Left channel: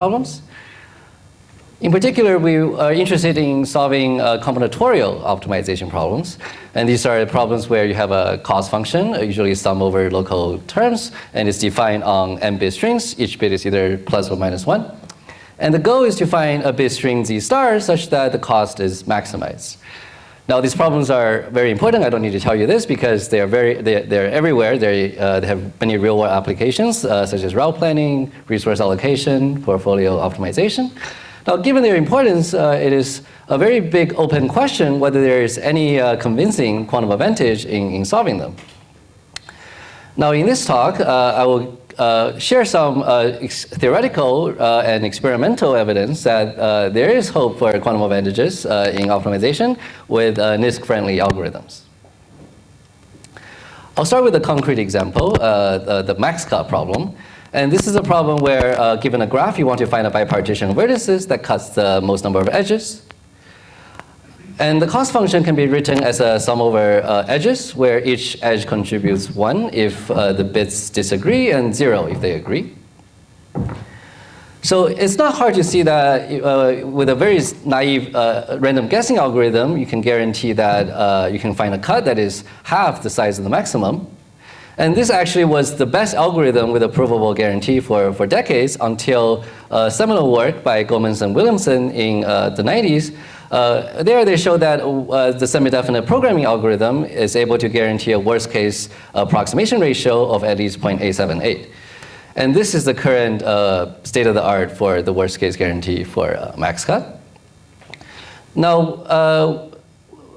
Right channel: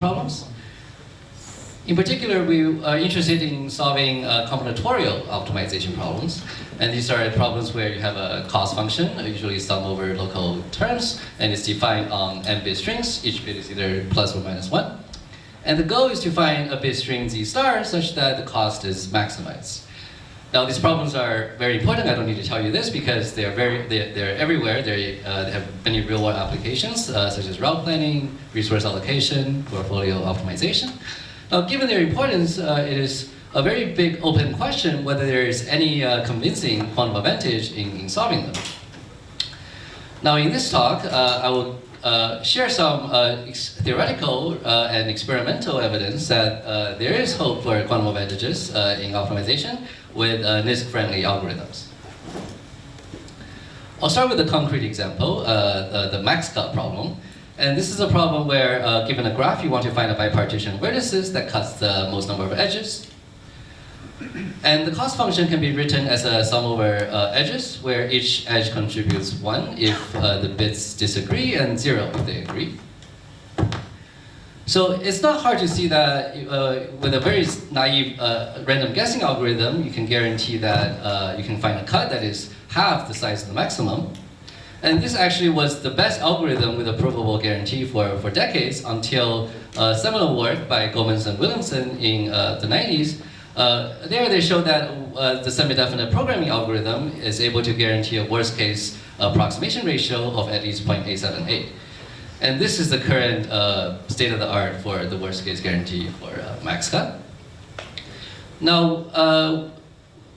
problems. In particular, we are interested in solving combinatorial optimization problems. And these are problems where you have a cost function, usually sum over local terms, and it's defined on n bit strings. Each bit is either plus or minus 1. And the goal is to find a bit string z star such that the cost is maximized. Now, these problems are very important. I don't need to tell you this because they're everywhere. They have many real-world applications, such as route planning, resource allocation, portfolio optimization. Now, given their importance, it is a very big open question whether there is any convincing quantum advantage in solving them. Now, in this talk, I will share some theoretical and experimental evidence that there is hope for quantum advantages in optimization with NISQ-friendly algorithms. I'll start with a concrete example, the max cut problem. And this is a problem where, given a graph, you want to find a bipartition of vertices that cuts the most number of edges. And the cost function can be written as a sum over edges, where each edge contributes 1 if the bits disagree, and 0 if they agree. So it's not hard to see that with a very naive random guessing algorithm, you can guarantee that you can find a cut that is half the size of the maximum. And this actually was the best algorithm with a provable guarantee for decades until seminal work by Gomez and Williamson in the 90s. There they show that the semi-definite programming algorithm is able to guarantee a worst-case approximation ratio of at least 0.878. And this is the current state-of-the-art for the worst-case guarantee for max cut. Now,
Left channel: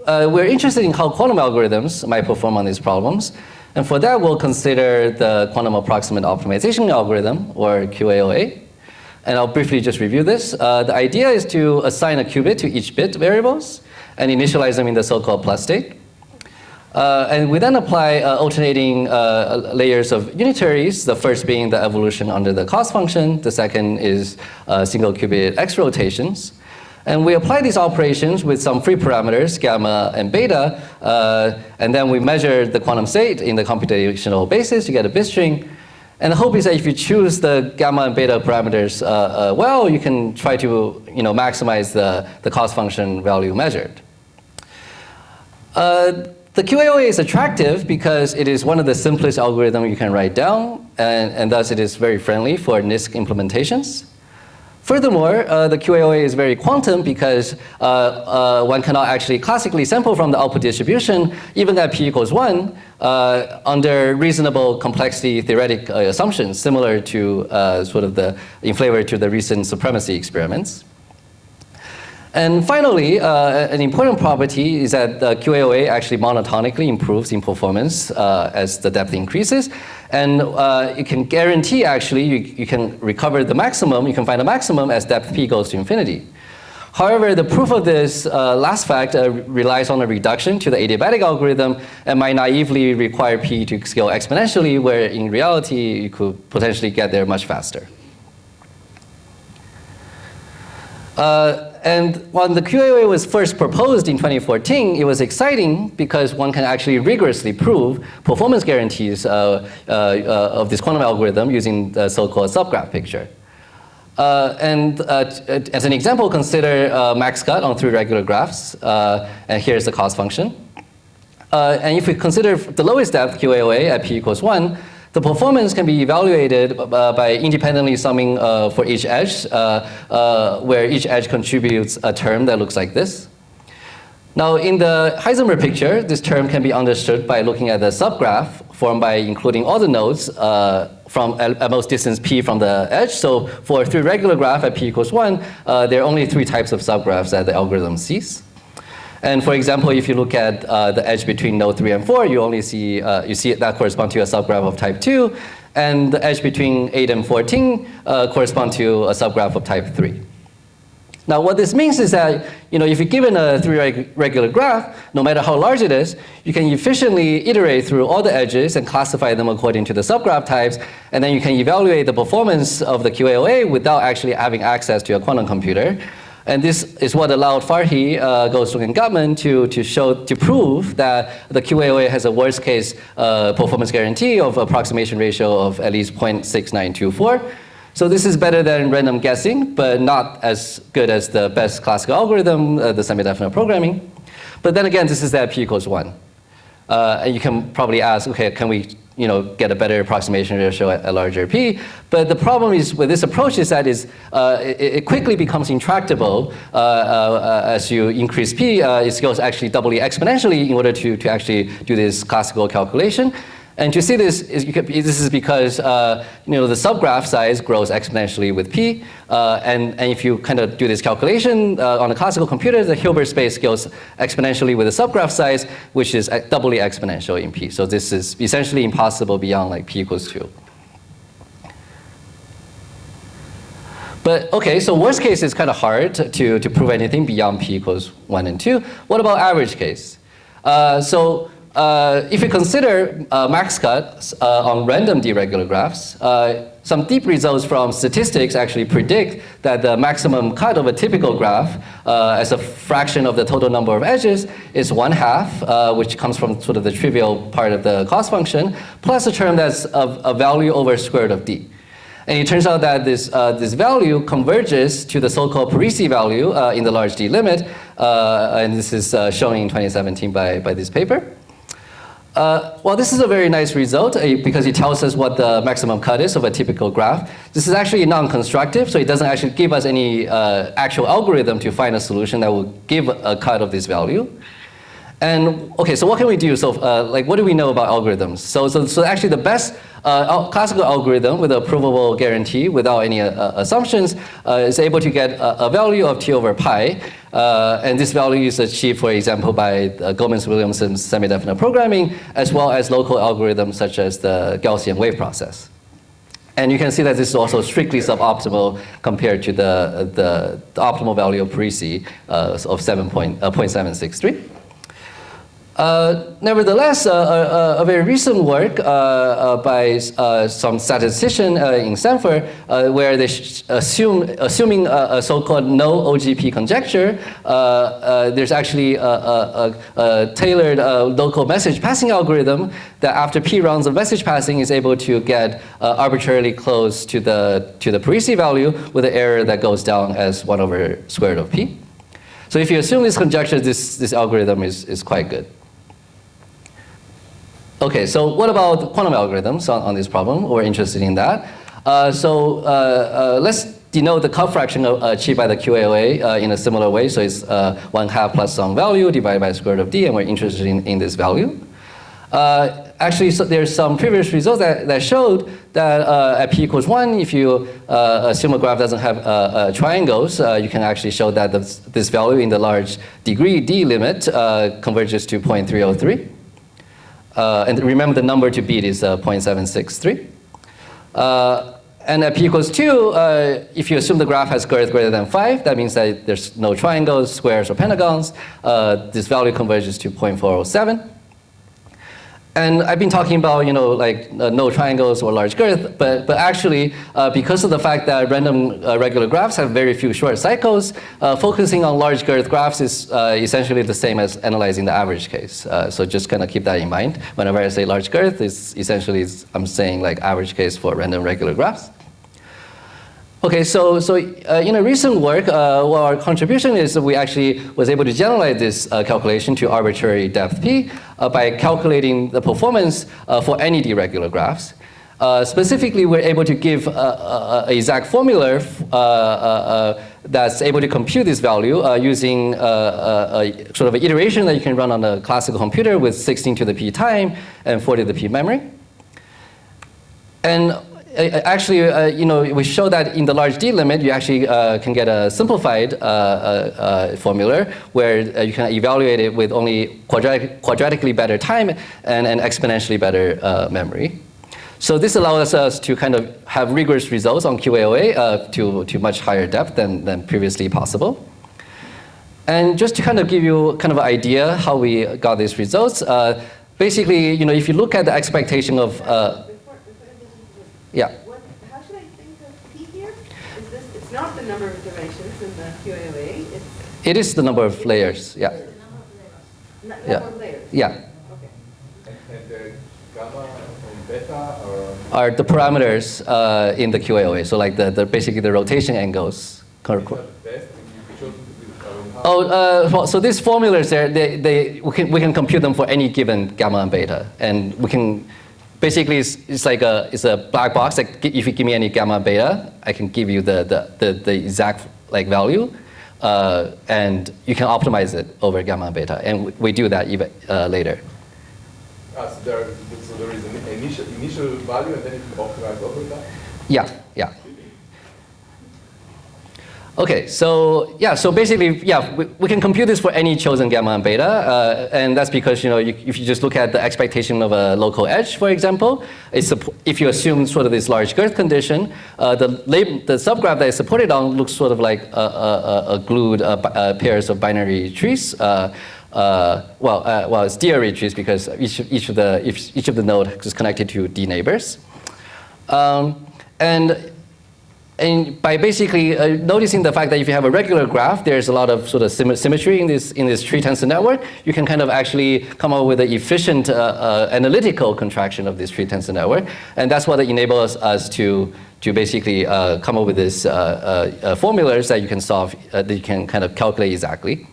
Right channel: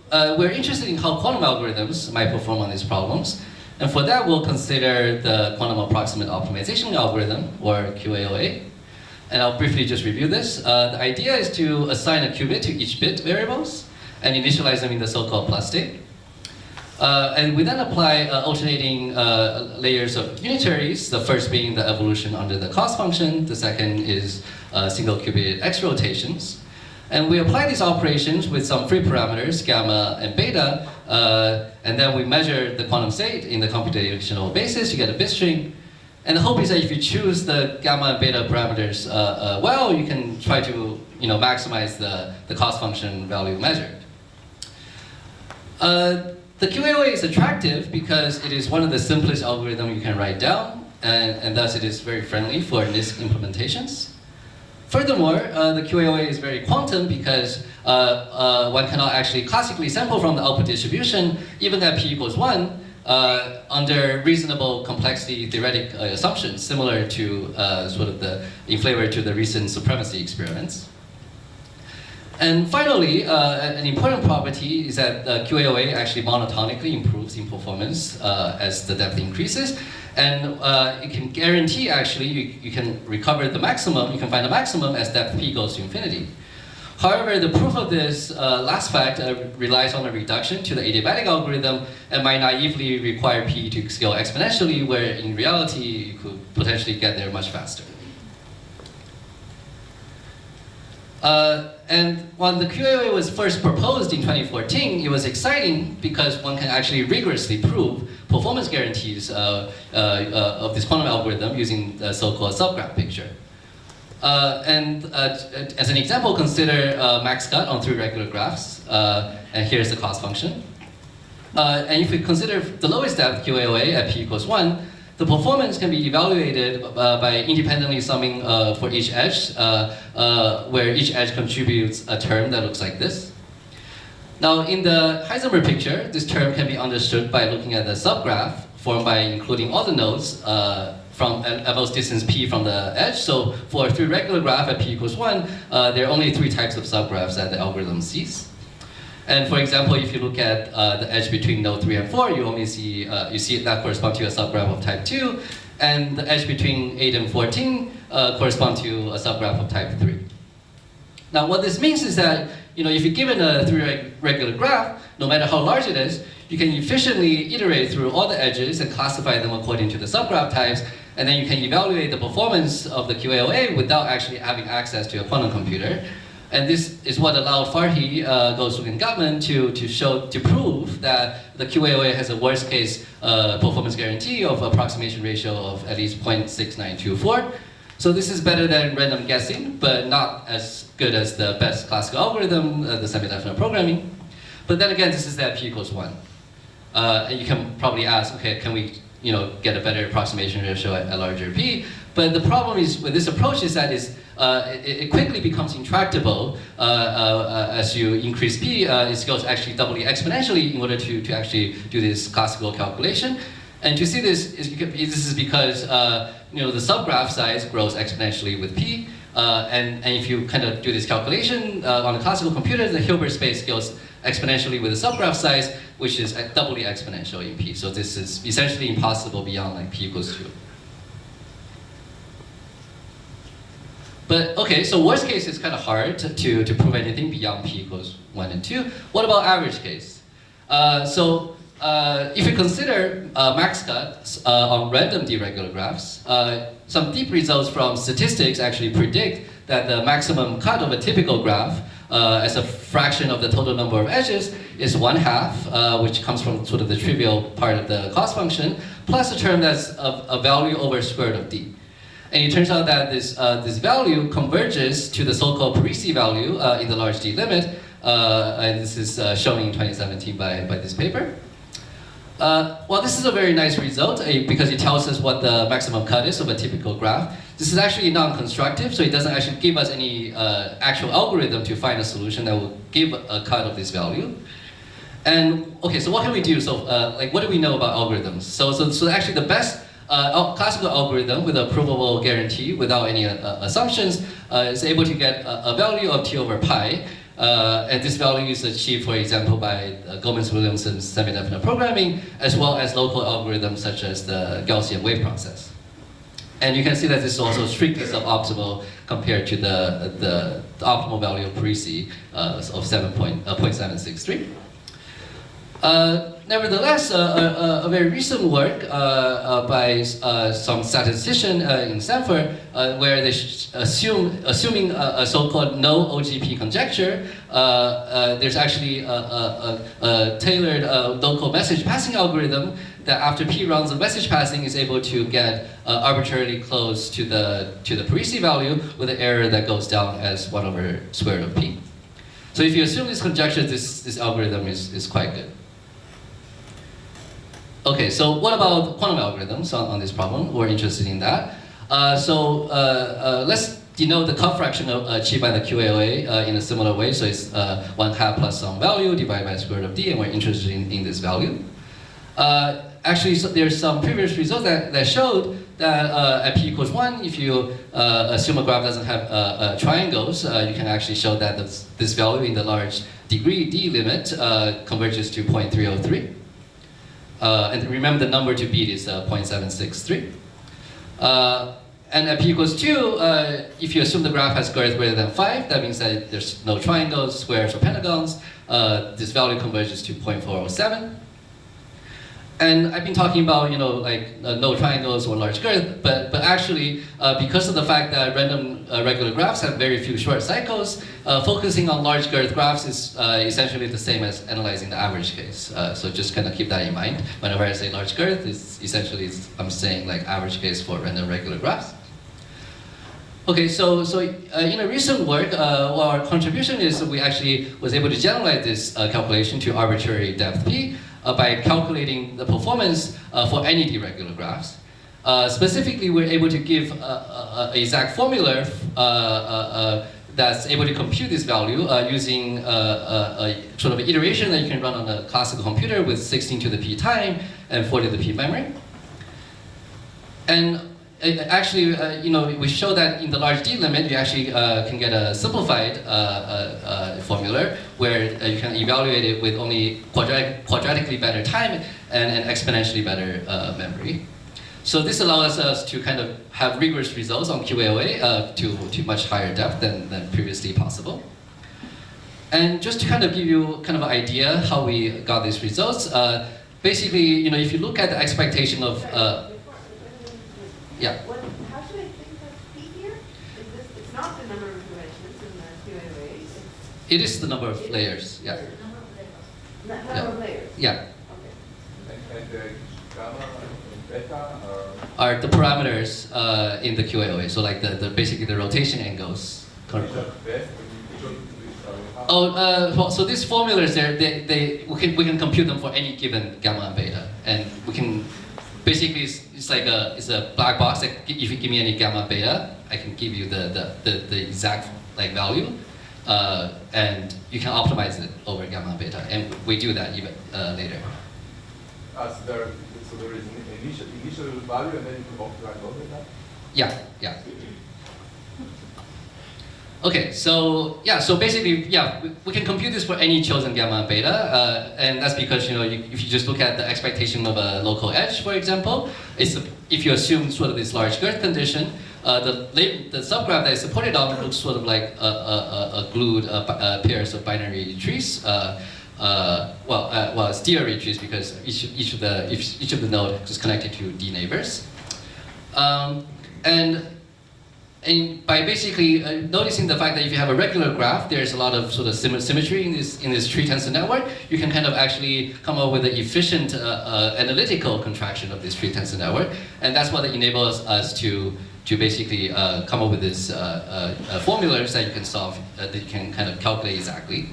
we're interested in how quantum algorithms might perform on these problems. And for that, we'll consider the quantum approximate optimization algorithm, or QAOA. And I'll briefly just review this. The idea is to assign a qubit to each bit variables and initialize them in the so-called plus state. And we then apply alternating layers of unitaries, the first being the evolution under the cost function. The second is single qubit X rotations. And we apply these operations with some free parameters, gamma and beta. And then we measure the quantum state in the computational basis. You get a bit string. And the hope is that if you choose the gamma and beta parameters well, you can try to maximize the cost function value measured. The QAOA is attractive because it is one of the simplest algorithms you can write down, and thus it is very friendly for NISQ implementations. Furthermore, the QAOA is very quantum because one cannot actually classically sample from the output distribution, even at p equals 1, under reasonable complexity theoretic assumptions, similar to sort of in flavor to the recent supremacy experiments. And finally, an important property is that the QAOA actually monotonically improves in performance as the depth increases. And you can guarantee, actually, you can recover the maximum, you can find a maximum as depth p goes to infinity. However, the proof of this last fact relies on a reduction to the adiabatic algorithm and might naively require p to scale exponentially, where in reality, you could potentially get there much faster. And when the QAOA was first proposed in 2014, it was exciting because one can actually rigorously prove performance guarantees of this quantum algorithm using the so-called subgraph picture. And as an example, consider max cut on 3 regular graphs. And here's the cost function. And if we consider the lowest depth QAOA at p equals 1, the performance can be evaluated by independently summing for each edge, where each edge contributes a term that looks like this. Now, in the Heisenberg picture, this term can be understood by looking at the subgraph formed by including all the nodes from at most distance p from the edge. So for a 3 regular graph at p equals 1, there are only 3 types of subgraphs that the algorithm sees. And for example, if you look at the edge between node 3 and 4, you only see that correspond to a subgraph of type 2, and the edge between 8 and 14 correspond to a subgraph of type 3. Now, what this means is that if you're given a 3 regular graph, no matter how large it is, you can efficiently iterate through all the edges and classify them according to the subgraph types, and then you can evaluate the performance of the QAOA without actually having access to a quantum computer. And this is what allowed Farhi, Goldstone, and Gutman to prove that the QAOA has a worst case performance guarantee of approximation ratio of at least 0.6924. So this is better than random guessing, but not as good as the best classical algorithm, the semi-definite programming. But then again, this is at p equals 1. And you can probably ask, okay, can we get a better approximation ratio at larger p? But the problem is with this approach is that it quickly becomes intractable as you increase p. It scales actually doubly exponentially in order to actually do this classical calculation. And to see this is because the subgraph size grows exponentially with p. And if you kind of do this calculation on a classical computer, the Hilbert space scales exponentially with the subgraph size, which is doubly exponential in p. So this is essentially impossible beyond like p equals 2. But OK, so worst case is kind of hard to prove anything beyond p equals 1 and 2. What about average case? If you consider max cuts on random deregular graphs, some deep results from statistics actually predict that the maximum cut of a typical graph as a fraction of the total number of edges is 1/2, which comes from sort of the trivial part of the cost function, plus a term that's a value over square root of d. And it turns out that this value converges to the so-called Parisi value in the large D limit, and this is shown in 2017 by this paper. Well, this is a very nice result because it tells us what the maximum cut is of a typical graph. This is actually non-constructive, so it doesn't actually give us any actual algorithm to find a solution that will give a cut of this value. And OK, so what can we do? So what do we know about algorithms? So actually the best classical algorithm with a provable guarantee without any assumptions is able to get a value of t over pi. And this value is achieved, for example, by Gomez-Williamson's semi-definite programming, as well as local algorithms such as the Gaussian wave process. And you can see that this is also strictly suboptimal compared to the optimal value of Parisi of 0.763. Nevertheless, a very recent work by some statistician in Stanford, where they assuming a so-called no OGP conjecture, there's actually a tailored local message passing algorithm that after p rounds of message passing is able to get arbitrarily close to the Parisi value with an error that goes down as 1 over square root of p. So if you assume this conjecture, this algorithm is quite good. OK, so what about quantum algorithms on this problem? We're interested in that. Let's denote the cut fraction achieved by the QAOA in a similar way. So it's 1/2 plus some value divided by square root of d, and we're interested in this value. Actually, so there's some previous results that showed that at p equals 1, if you assume a graph doesn't have triangles, you can actually show that this value in the large degree d limit converges to 0.303. And remember, the number to beat is 0.763. And at p equals 2, if you assume the graph has squares greater than 5, that means that there's no triangles, squares, or pentagons. This value converges to 0.407. And I've been talking about, no triangles or large girth, but actually, because of the fact that random regular graphs have very few short cycles, focusing on large girth graphs is essentially the same as analyzing the average case. So just kind of keep that in mind. Whenever I say large girth, it's essentially I'm saying like average case for random regular graphs. Okay, so in a recent work, our contribution is that we actually was able to generalize this calculation to arbitrary depth p. By calculating the performance for any deregular graphs. Specifically, we're able to give an exact formula that's able to compute this value using a sort of an iteration that you can run on a classical computer with 16 to the p time and 4 to the p memory. And actually, we show that in the large D limit, you actually can get a simplified formula where you can evaluate it with only quadratically better time and an exponentially better memory. So this allows us to kind of have rigorous results on QAOA to much higher depth than previously possible. And just to kind of give you kind of an idea how we got these results, basically, if you look at the expectation of yeah. How should I think of p here? It's not the number of iterations in the QAOA. It is the number of layers. Yeah. Number of layers. Yeah. Okay. And gamma beta or? Are the parameters in the QAOA. So like basically the rotation angles. Well, so these formulas there, we can compute them for any given gamma and beta, and we can basically it's a black box. Like if you give me any gamma and beta, I can give you the exact like value, and you can optimize it over gamma and beta, and we do that even later. So there is an initial value, and then you can optimize over that. Yeah, yeah. Okay, so yeah, so basically, yeah, we can compute this for any chosen gamma and beta, and that's because if you just look at the expectation of a local edge, for example, if you assume sort of this large girth condition, the subgraph that is supported on looks sort of like a glued pairs of binary trees. Well, it's d-array trees because each of the nodes is connected to d neighbors, and by basically noticing the fact that if you have a regular graph, there's a lot of sort of symmetry in this tree tensor network, you can kind of actually come up with an efficient analytical contraction of this tree tensor network, and that's what enables us to basically come up with this formulas that you can solve, that you can kind of calculate exactly.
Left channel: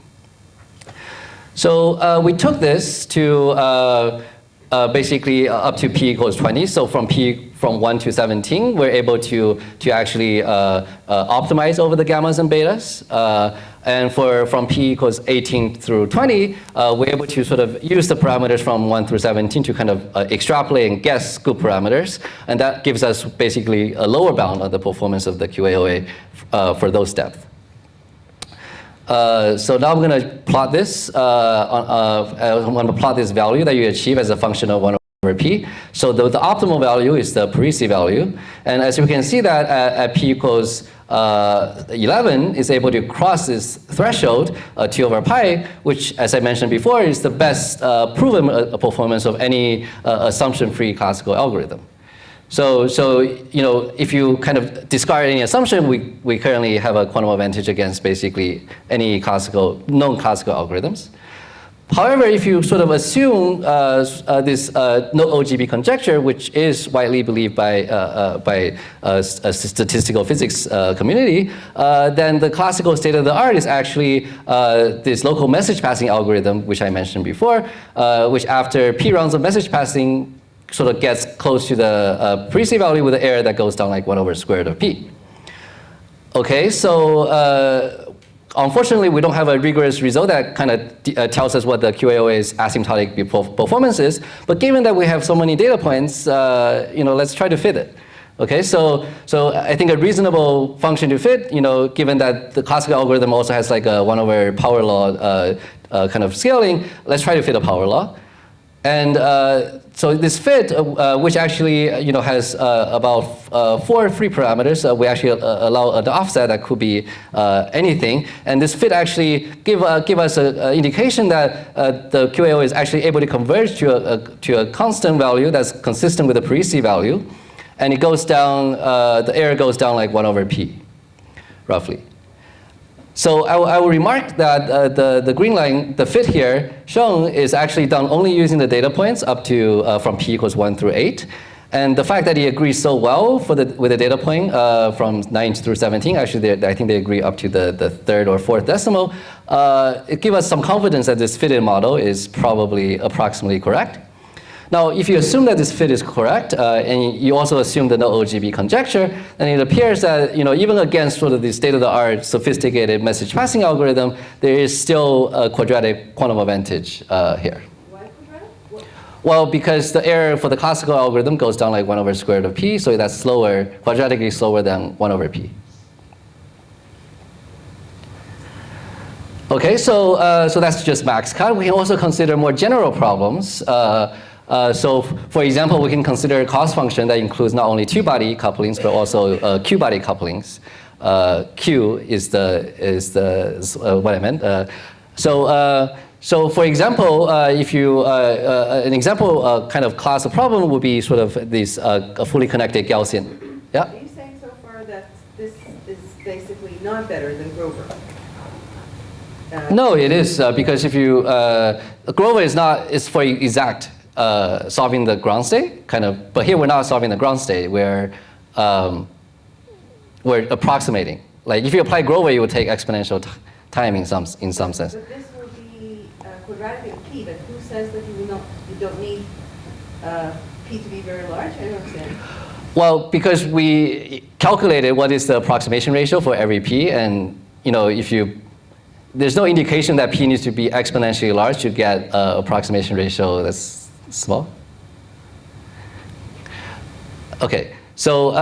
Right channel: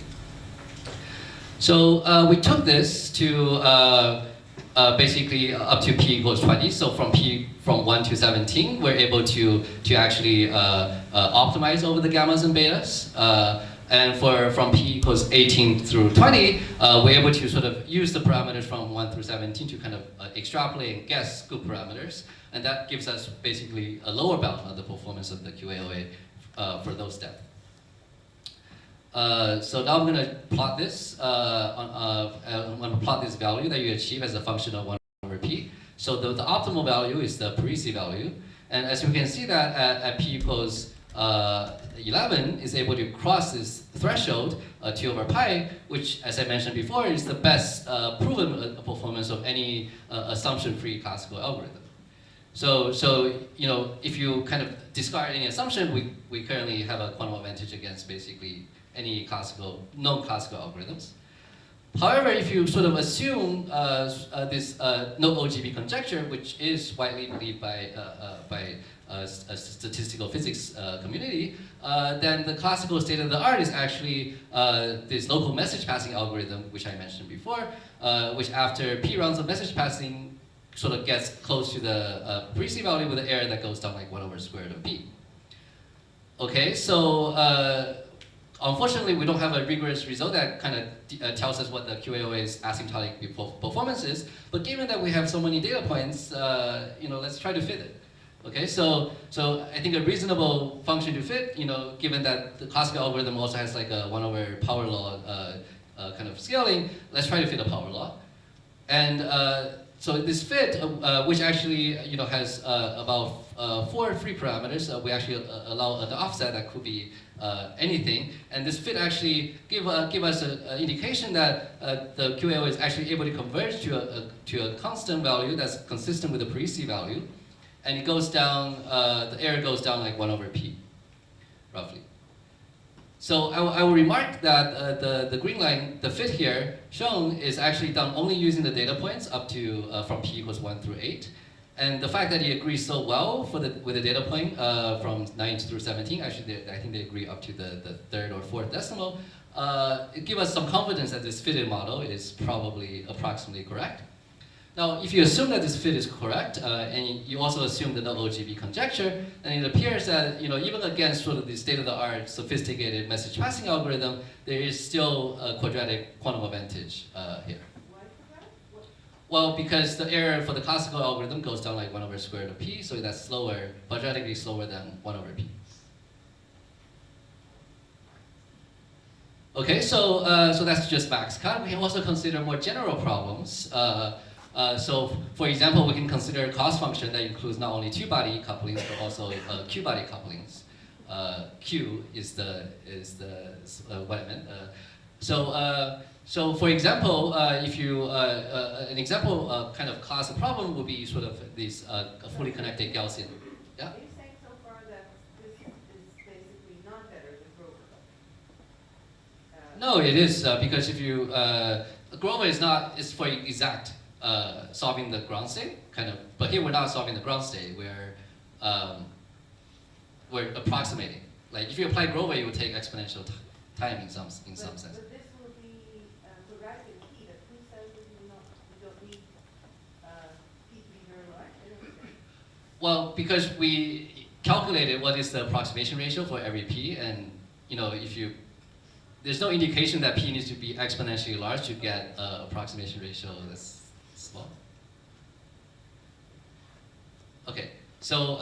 So we took this to basically up to p equals 20. So from 1 to 17, we're able to actually optimize over the gammas and betas. And from p equals 18 through 20, we're able to sort of use the parameters from 1 through 17 to kind of extrapolate and guess scoop parameters. And that gives us basically a lower bound on the performance of the QAOA for those depths. So now I'm going to plot this. I'm going to plot this value that you achieve as a function of 1 over p. So the optimal value is the Parisi value. And as you can see that at p equals 11 is able to cross this threshold, 2 over pi, which, as I mentioned before, is the best proven performance of any assumption-free classical algorithm. So if you kind of discard any assumption, we currently have a quantum advantage against basically any known classical algorithms. However, if you sort of assume this no OGB conjecture, which is widely believed by a statistical physics community, then the classical state of the art is actually this local message passing algorithm, which I mentioned before, which after p rounds of message passing sort of gets close to the Parisi value with an error that goes down like 1 over square root of p. Okay, so unfortunately, we don't have a rigorous result that kind of tells us what the QAOA's asymptotic performance is. But given that we have so many data points, let's try to fit it. Okay, so I think a reasonable function to fit, given that the classical algorithm also has like a 1 over power law kind of scaling, let's try to fit a power law. And so this fit, which actually has about 4 free parameters, we actually allow the offset that could be anything. And this fit actually give us an indication that the QAO is actually able to converge to a constant value that's consistent with the Parisi value, and it goes down. The error goes down like 1 over p, roughly. So I will remark that the green line, the fit here shown, is actually done only using the data points up to from p equals 1 through 8. And the fact that he agrees so well with the data point from 9 through 17, actually I think they agree up to the 3rd or 4th decimal, it gives us some confidence that this fitted model is probably approximately correct. Now, if you assume that this fit is correct, and you also assume the no OGB conjecture, then it appears that even against sort of the state-of-the-art sophisticated message passing algorithm, there is still a quadratic quantum advantage here. Why quadratic? Well, because the error for the classical algorithm goes down like 1 over square root of p, so that's slower, quadratically slower than 1 over p. Okay, so that's just max cut. We can also consider more general problems. So, for example, we can consider a cost function that includes not only two-body couplings but also q-body couplings. Q is what I meant. So, for example, if you an example kind of class of problem would be sort of this a fully connected Gaussian. Yeah. Are you saying so far that this is basically not better than Grover? No, it is because if you Grover is for exact solving the ground state, kind of. But here we're not solving the ground state. We're approximating. Like if you apply Grover, you would take exponential time in some sense. But this will be quadratic in P. But who says that you don't need P to be very large? I don't understand. Well, because we calculated what is the approximation ratio for every P, and there's no indication that P needs to be exponentially large to get an approximation ratio that's small. Okay, so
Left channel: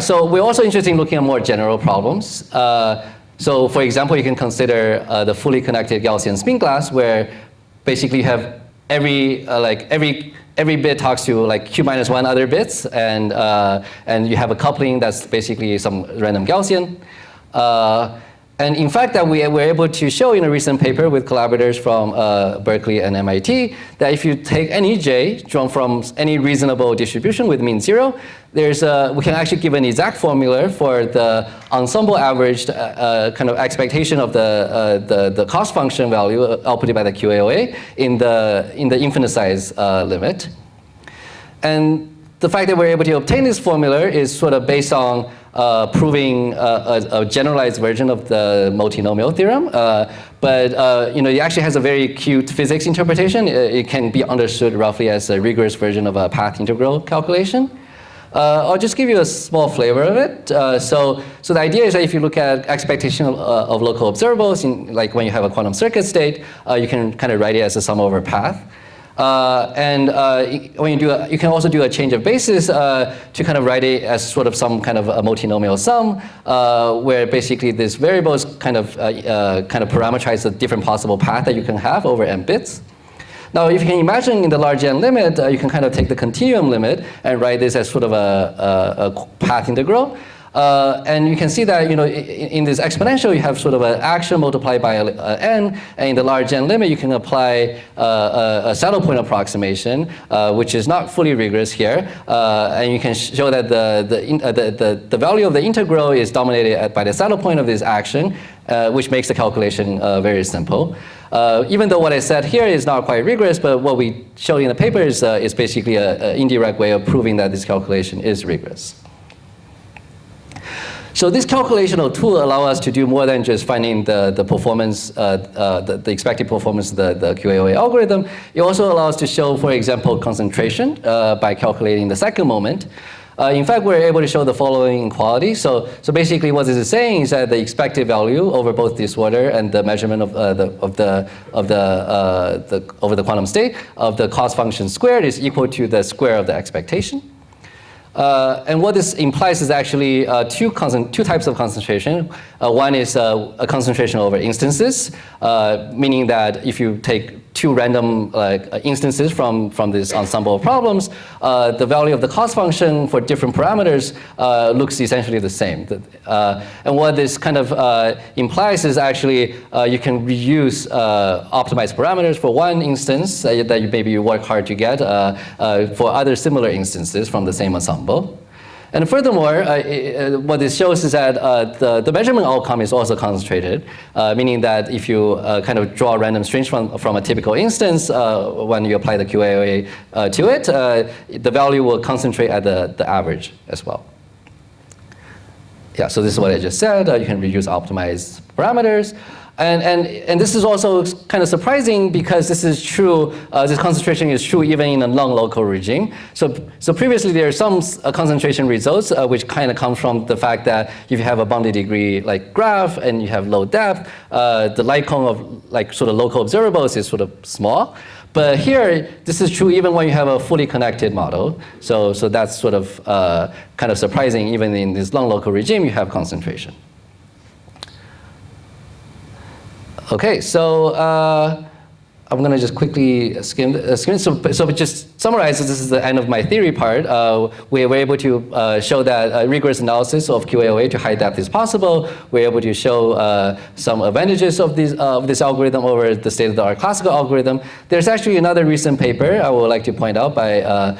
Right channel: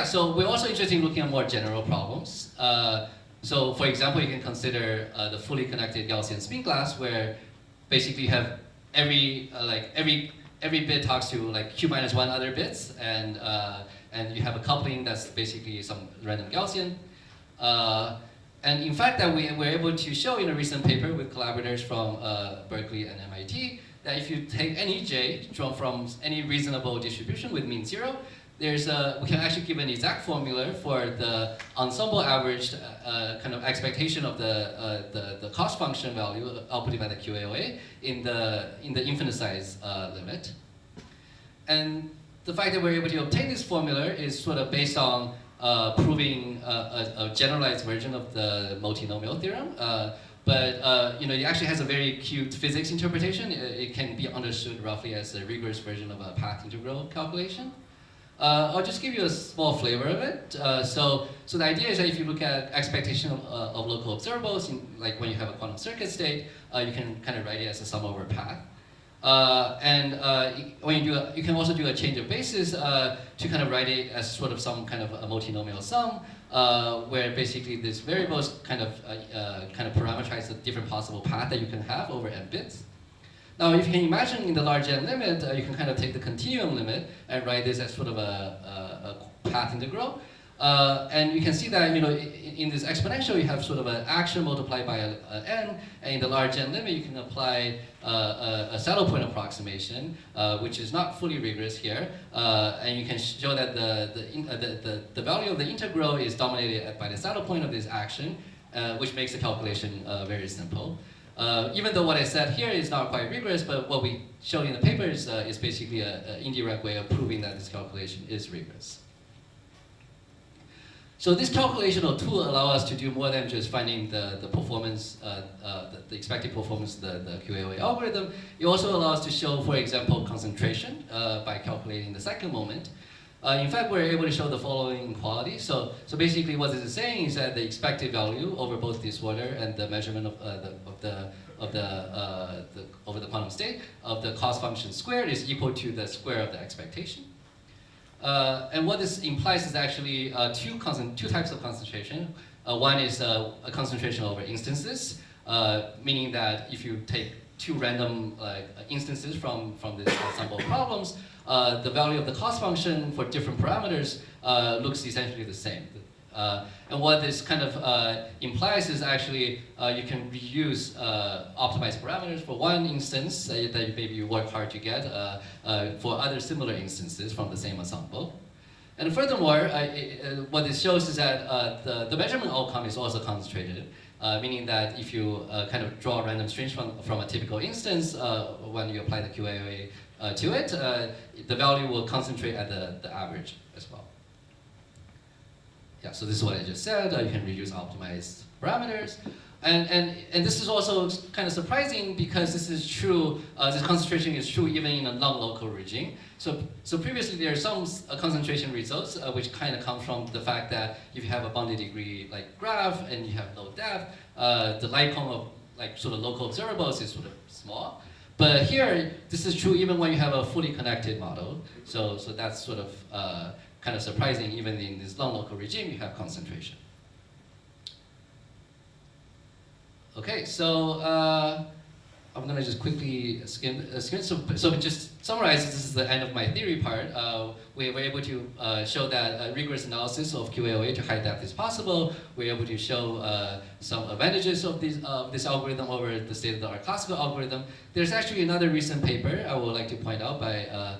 so we're also interested in looking at more general problems. So for example, you can consider the fully connected Gaussian spin glass, where basically you have every bit talks to like q minus 1 other bits, and you have a coupling that's basically some random Gaussian. And in fact, that we were able to show in a recent paper with collaborators from Berkeley and MIT that if you take any j drawn from any reasonable distribution with mean 0, we can actually give an exact formula for the ensemble averaged kind of expectation of the cost function value outputted by the QAOA in the infinite size limit. And the fact that we're able to obtain this formula is sort of based on proving a generalized version of the multinomial theorem. But it actually has a very cute physics interpretation. It can be understood roughly as a rigorous version of a path integral calculation. I'll just give you a small flavor of it. So the idea is that if you look at expectation of local observables, like when you have a quantum circuit state, you can kind of write it as a sum over path. When you can also do a change of basis to kind of write it as sort of some kind of a multinomial sum, where basically these variables kind of parameterize the different possible path that you can have over n bits. Now, if you can imagine in the large n limit, you can kind of take the continuum limit and write this as sort of a path integral. And you can see that in this exponential, you have sort of an action multiplied by n, and in the large n limit, you can apply a saddle point approximation, which is not fully rigorous here, and you can show that the value of the integral is dominated by the saddle point of this action, which makes the calculation very simple. Even though what I said here is not quite rigorous, but what we showed in the paper is basically an indirect way of proving that this calculation is rigorous. So this calculational tool allows us to do more than just finding the performance, the expected performance of the QAOA algorithm. It also allows us to show, for example, concentration by calculating the second moment. In fact, we're able to show the following inequality. So basically, what this is saying is that the expected value over both disorder and the measurement over the quantum state of the cost function squared is equal to the square of the expectation. And what this implies is actually two types of concentration. One is a concentration over instances, meaning that if you take two random instances from this ensemble of problems, the value of the cost function for different parameters looks essentially the same. And what this kind of implies is actually you can reuse optimized parameters for one instance that maybe you work hard to get for other similar instances from the same ensemble. And furthermore, what this shows is that the measurement outcome is also concentrated, meaning that if you kind of draw random strings from a typical instance, when you apply the QAOA to it, the value will concentrate at the average as well. Yeah, so this is what I just said. You can reuse optimized parameters. And this is also kind of surprising because this is true, this concentration is true even in a non-local regime. So previously there are some concentration results which kind of come from the fact that if you have a bounded degree like graph and you have low depth, the light cone of like sort of local observables is sort of small. But here, this is true even when you have a fully connected model. So that's sort of kind of surprising. Even in this non-local regime, you have concentration. Okay, so I'm going to just quickly skim. So just summarize, this is the end of my theory part. We were able to show that rigorous analysis of QAOA to high depth is possible. We're able to show some advantages of this algorithm over the state-of-the-art classical algorithm. There's actually another recent paper I would like to point out by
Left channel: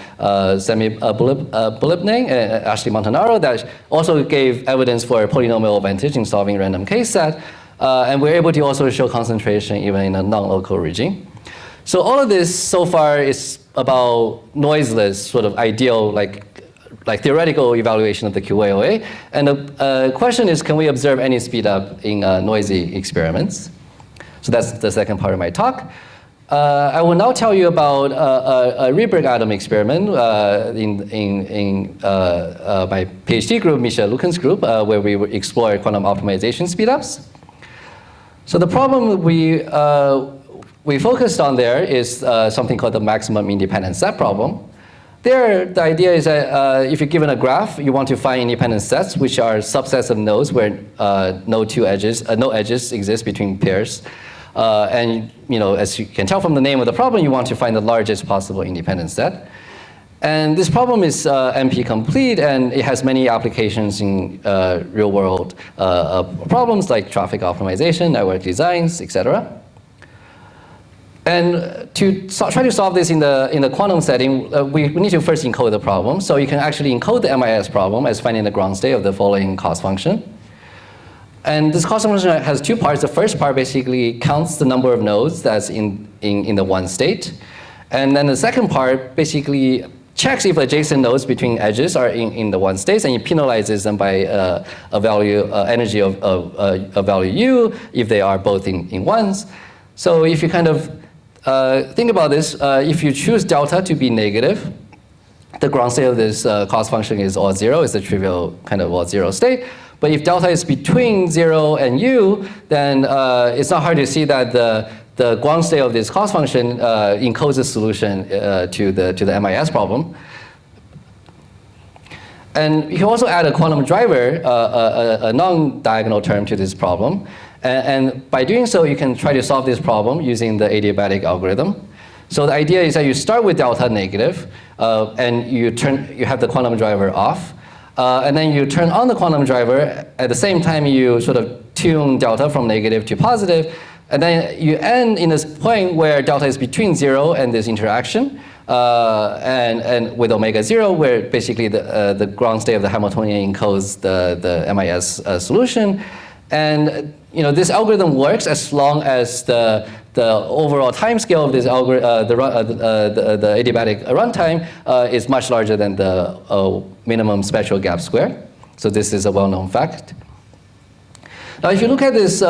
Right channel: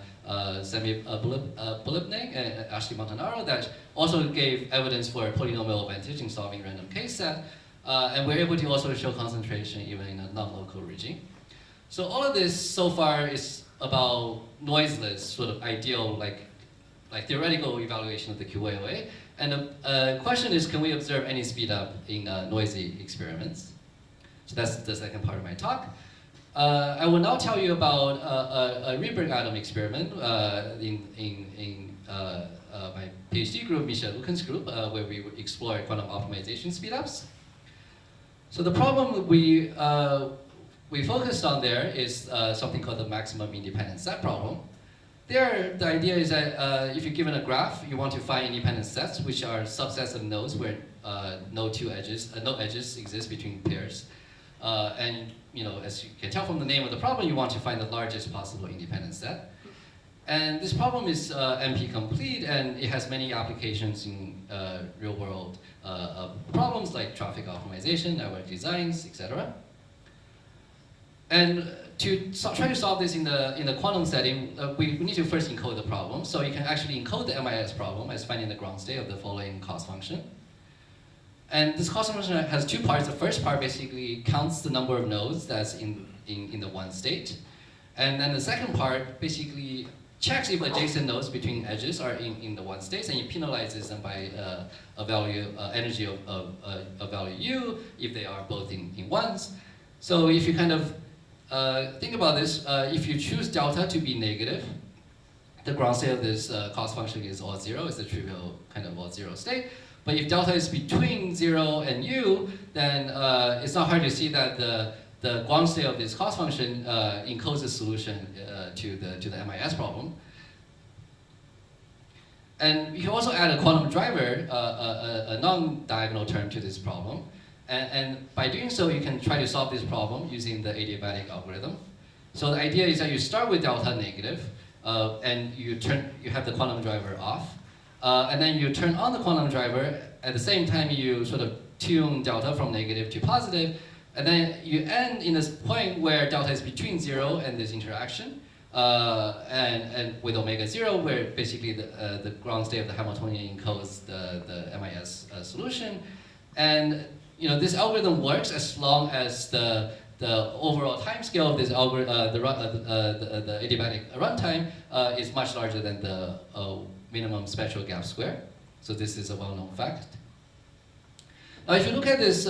Semi Bulipning and Ashley Montanaro that also gave evidence for a polynomial advantage in solving random case set. And we're able to also show concentration even in a non-local regime. So all of this so far is about noiseless, sort of ideal, like theoretical evaluation of the QAOA. And the question is, can we observe any speedup in noisy experiments? So that's the second part of my talk. I will now tell you about a Rydberg atom experiment in my PhD group, Misha Lukin's group, where we explore quantum optimization speedups. So the problem we focused on there is something called the maximum independent set problem. There, the idea is that if you're given a graph, you want to find independent sets, which are subsets of nodes where no edges exist between pairs. And as you can tell from the name of the problem, you want to find the largest possible independent set. And this problem is NP complete, and it has many applications in real-world problems like traffic optimization, network designs, etc. And to try to solve this in the quantum setting, we need to first encode the problem. So you can actually encode the MIS problem as finding the ground state of the following cost function. And this cost function has two parts. The first part basically counts the number of nodes that's in the one state. And then the second part basically checks if adjacent nodes between edges are in the one state, and it penalizes them by a value, energy of value u, if they are both in ones. So if you kind of think about this, if you choose delta to be negative, the ground state of this cost function is all zero, it's the trivial kind of all zero state. But if delta is between 0 and u, then it's not hard to see that the ground state of this cost function encodes a solution to the MIS problem. And you can also add a quantum driver, a non-diagonal term to this problem. And by doing so, you can try to solve this problem using the adiabatic algorithm. So the idea is that you start with delta negative, and you have the quantum driver off. And then you turn on the quantum driver. At the same time, you sort of tune delta from negative to positive. And then you end in this point where delta is between 0 and this interaction, and with omega 0, where basically the ground state of the Hamiltonian encodes the MIS solution. And this algorithm works as long as the overall time scale of this algorithm, the adiabatic runtime, is much larger than the minimum spectral gap square. So this is a well-known fact. Now, if you look at this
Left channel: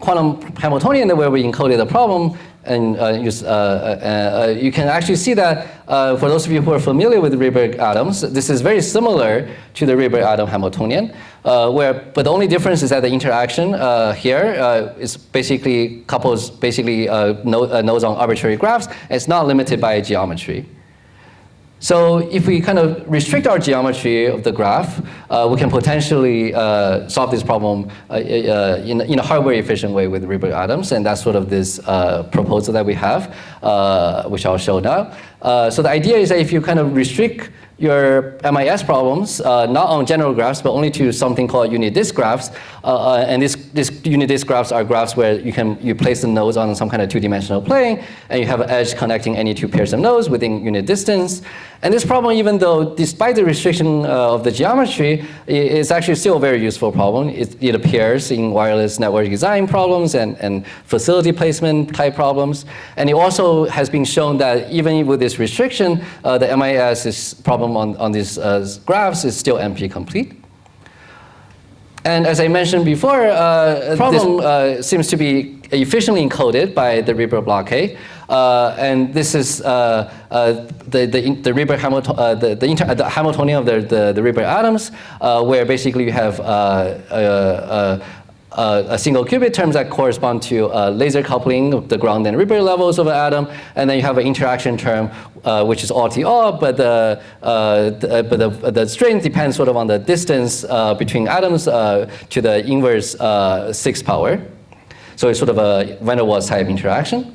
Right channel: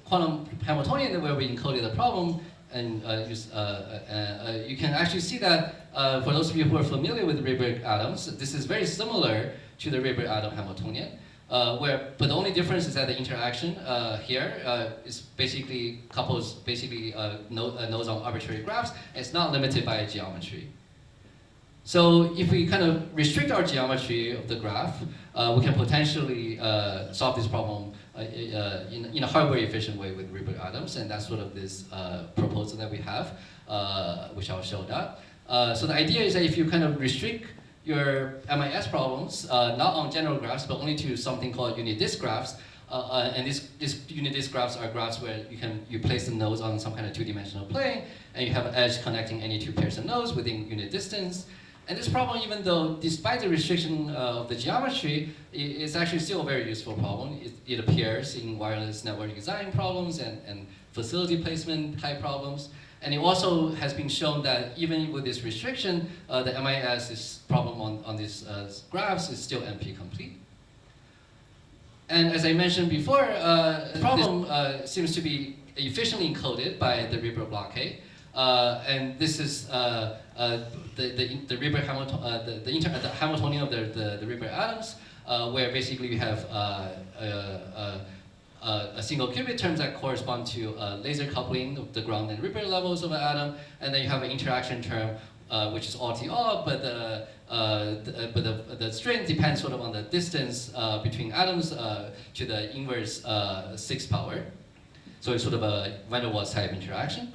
quantum Hamiltonian where we encoded the problem, and you can actually see that for those of you who are familiar with Rydberg atoms, this is very similar to the Rydberg atom Hamiltonian. But the only difference is that the interaction here is basically couples nodes on arbitrary graphs. And it's not limited by geometry. So if we kind of restrict our geometry of the graph, we can potentially solve this problem in a hardware efficient way with Rydberg atoms, and that's sort of this proposal that we have, which I'll show now. So the idea is that if you kind of restrict your MIS problems, not on general graphs, but only to something called unit disk graphs. And this unit disk graphs are graphs where you place the nodes on some kind of two-dimensional plane, and you have an edge connecting any two pairs of nodes within unit distance. And this problem, even though despite the restriction of the geometry, is actually still a very useful problem. It appears in wireless network design problems and facility placement type problems. And it also has been shown that even with this restriction, the MIS problem on these graphs is still NP complete. And as I mentioned before, this problem seems to be efficiently encoded by the Rydberg blockade. And this is the Rydberg the Hamiltonian of the Rydberg atoms, where basically you have a single qubit terms that correspond to laser coupling of the ground and Rydberg levels of an atom, and then you have an interaction term which is all T all, but the strength depends sort of on the distance between atoms to the inverse 6 power. So it's sort of a van der Waals type interaction.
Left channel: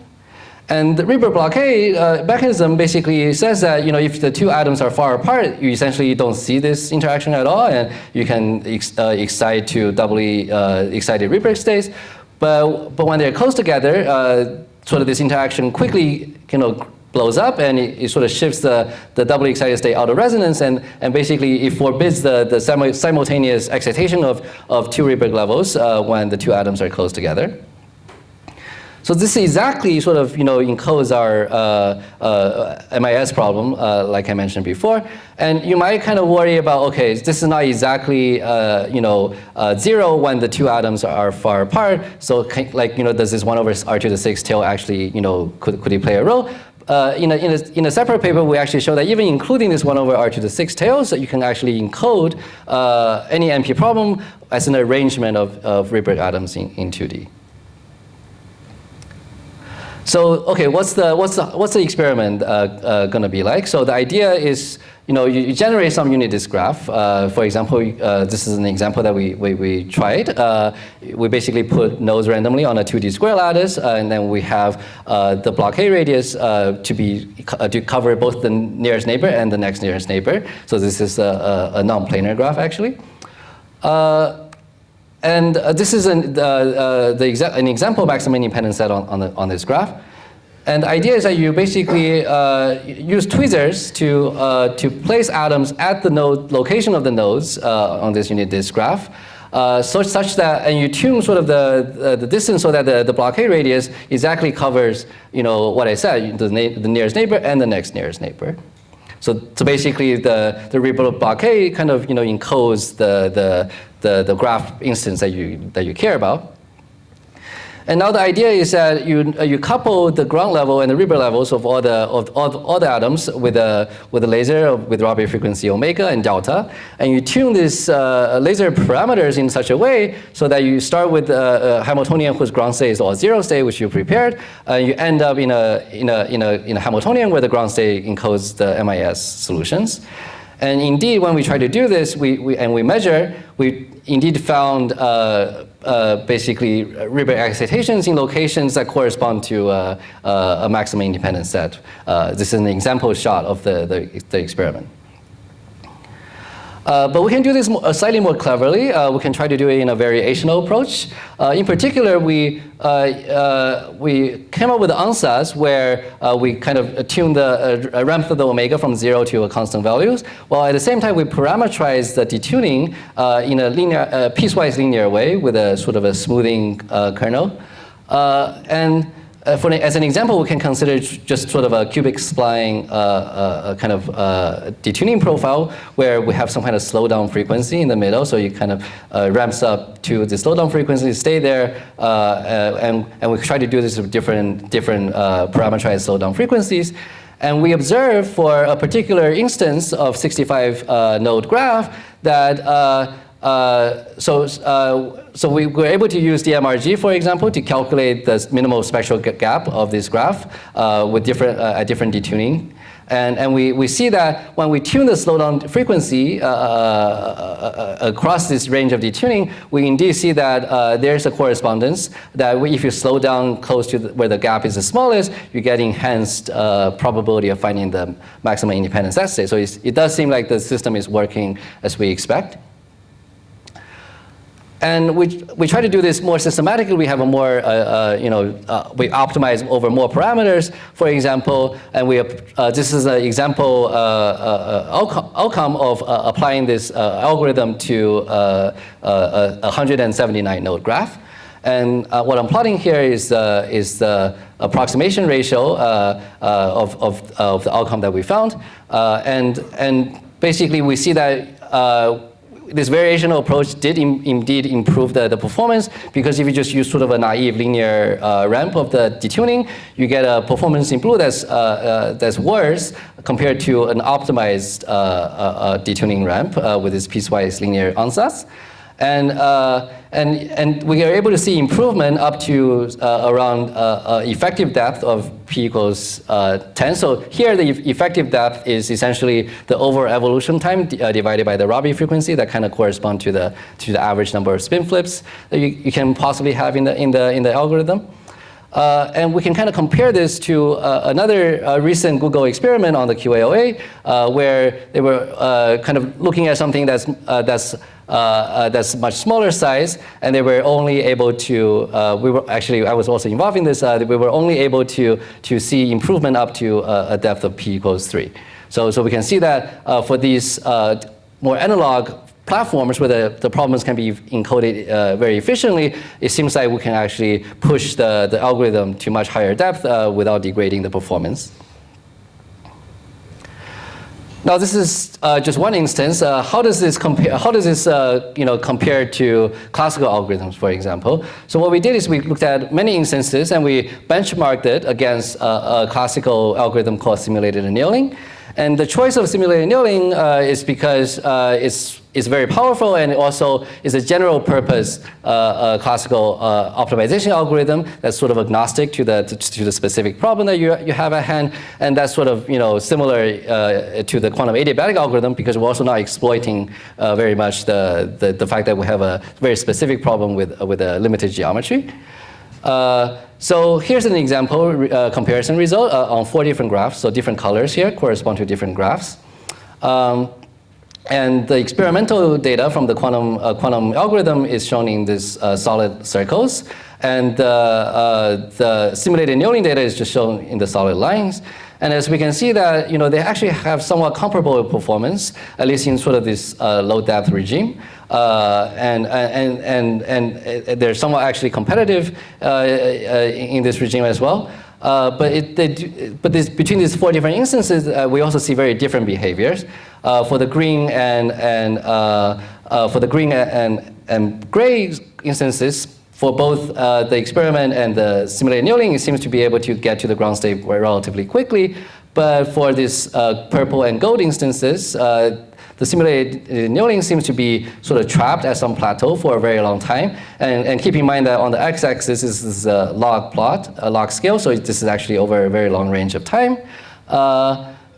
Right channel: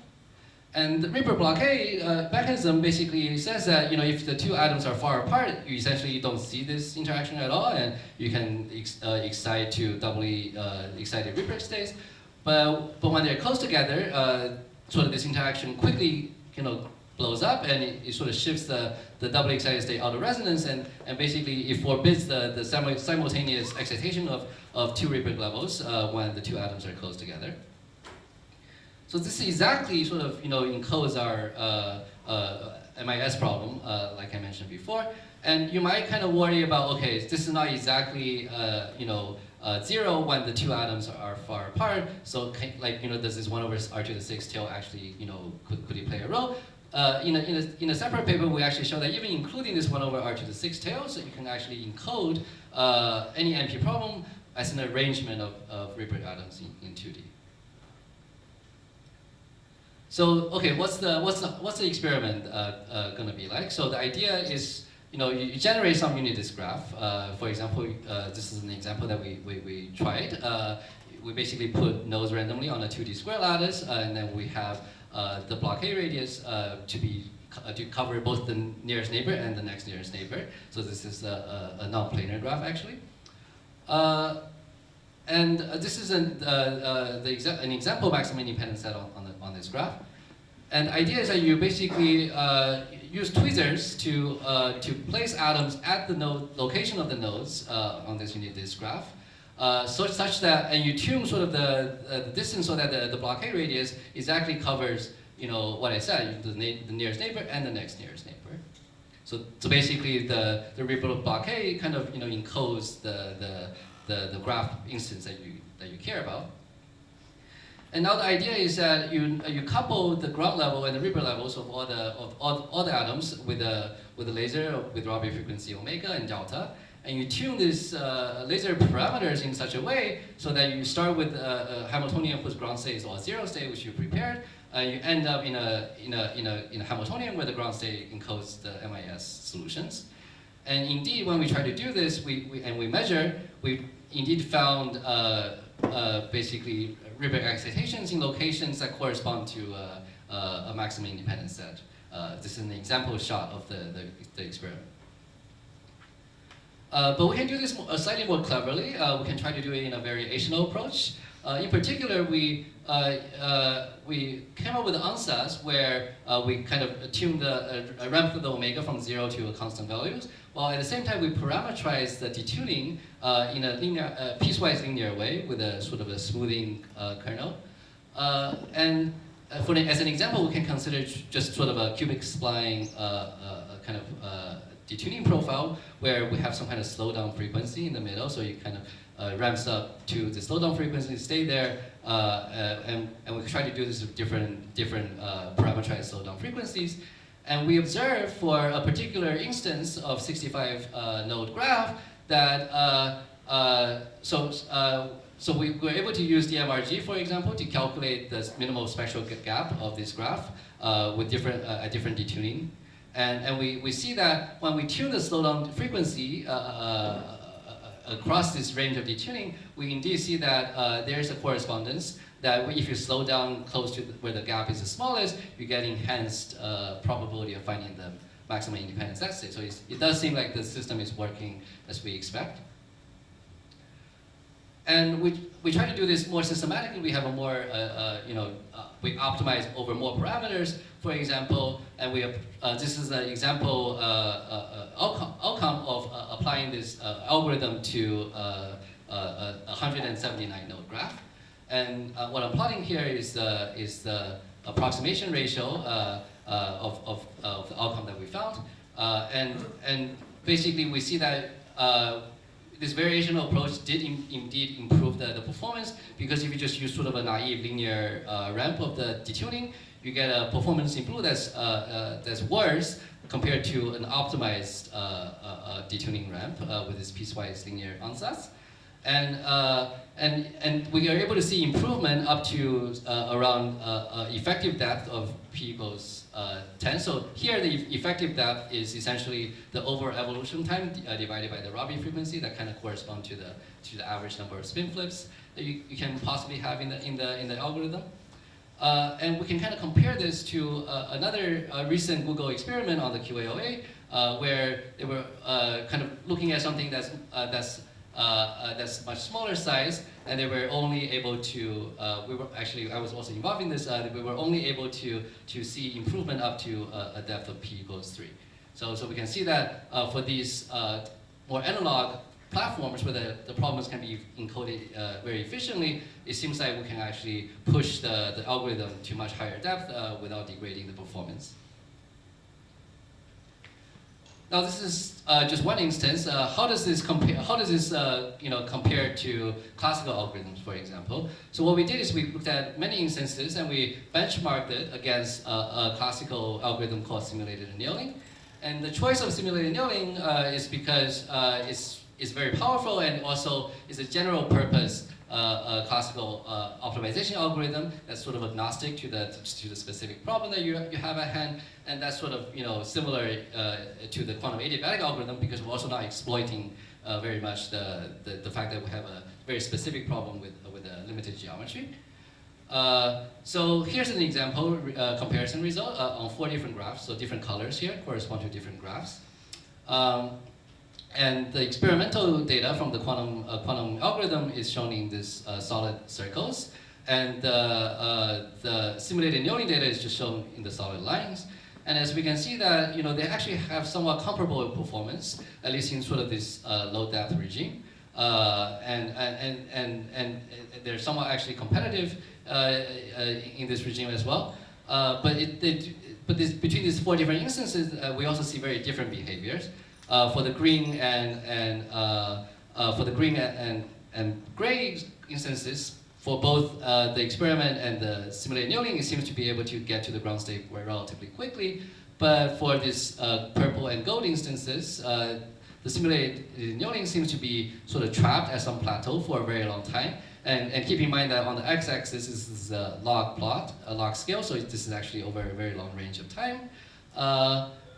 And the Rydberg blockade mechanism basically says that if the two atoms are far apart, you essentially don't see this interaction at all, and you can excite to doubly excited Rydberg states. But when they're close together, sort of this interaction quickly blows up, and it sort of shifts the doubly excited state out of resonance, and basically it forbids the simultaneous excitation of two Rydberg levels when the two atoms are close together. So this exactly sort of encodes our MIS problem, like I mentioned before. And you might kind of worry about, okay, this is not exactly 0 when the two atoms are far apart. So like does this 1 over r to the 6 tail actually could it play a role? In a separate paper, we actually show that even including this 1 over r to the 6 tails, you can actually encode any NP problem as an arrangement of Rydberg atoms in 2D. So okay, what's the experiment going to be like? So the idea is you generate some unit disk graph. For example, this is an example that we tried. We basically put nodes randomly on a 2D square lattice, and then we have the blockade radius to cover both the nearest neighbor and the next nearest neighbor. So this is a non-planar graph actually. And this is an example maximum independent set on this graph. And the idea is that you basically use tweezers to place atoms at the location of the nodes on this unit disk graph, such that, and you tune sort of the distance so that the blockade radius exactly covers what I said, the nearest neighbor and the next nearest neighbor. So basically the Rydberg blockade kind of encodes the graph instance that you care about. And now the idea is that you couple the ground level and the Rydberg levels of all the atoms with a laser with Rabi frequency omega and delta, and you tune these laser parameters in such a way so that you start with a Hamiltonian whose ground state is all 0 state, which you prepared, and you end up in a Hamiltonian where the ground state encodes the MIS solutions. And indeed, when we try to do this, we measure, we indeed found basically Rydberg excitations in locations that correspond to a maximum independent set. This is an example shot of the experiment. But we can do this slightly more cleverly. We can try to do it in a variational approach. In particular, we came up with ansatz where we kind of tune the ramp of the omega from 0 to a constant values, while at the same time we parameterize the detuning in a linear, piecewise linear way with a sort of a smoothing kernel. As an example, we can consider just sort of a cubic spline kind of detuning profile where we have some kind of slowdown frequency in the middle. So you kind of ramps up to the slowdown frequency, stay there, and we try to do this with different parameterized slowdown frequencies. And we observe for a particular instance of 65 node graph that so we were able to use the MRG, for example, to calculate the minimal spectral gap of this graph with different detuning. And we see that when we tune the slowdown frequency across this range of detuning, we indeed see that there's a correspondence that if you slow down close to where the gap is the smallest, you get enhanced probability of finding the maximum independent set state. So it does seem like the system is working as we expect. And we try to do this more systematically. We have a more, we optimize over more parameters, for example, and this is an example outcome of applying this algorithm to a 179 node graph. And what I'm plotting here is the approximation ratio of the outcome that we found. And basically we see that this variational approach did indeed improve the performance, because if you just use sort of a naive linear ramp of the detuning, you get a performance in blue that's worse compared to an optimized detuning ramp with this piecewise linear ansatz. And we are able to see improvement up to around effective depth of p equals 10. So here the effective depth is essentially the overall evolution time divided by the Rabi frequency that kind of correspond to the average number of spin flips that you can possibly have in the algorithm. And we can kind of compare this to another recent Google experiment on the QAOA, where they were kind of looking at something that's much smaller size, and they were only able to, I was also involved in this, we were only able to see improvement up to a depth of p equals 3. So we can see that for these more analog platforms where the problems can be encoded very efficiently, it seems like we can actually push the algorithm to much higher depth without degrading the performance. Now this is just one instance. How does this compare? How does this compare to classical algorithms, for example? So what we did is we looked at many instances and we benchmarked it against a classical algorithm called simulated annealing. And the choice of simulated annealing is because it's very powerful, and it also is a general purpose classical optimization algorithm that's sort of agnostic to the specific problem that you have at hand, and that's sort of similar to the quantum adiabatic algorithm, because we're also not exploiting very much the fact that we have a very specific problem with a limited geometry. So here's an example comparison result on 4 different graphs. So different colors here correspond to different graphs. And the experimental data from the quantum algorithm is shown in these solid circles. And the simulated annealing data is just shown in the solid lines. And as we can see that they actually have somewhat comparable performance, at least in sort of this low depth regime. And they're somewhat actually competitive in this regime as well. But between these 4 different instances, we also see very different behaviors. For the green and gray instances, for both the experiment and the simulated annealing, it seems to be able to get to the ground state relatively quickly. But for these purple and gold instances, the simulated annealing seems to be sort of trapped at some plateau for a very long time. And keep in mind that on the x-axis this is a log plot, a log scale, so this is actually over a very long range of time.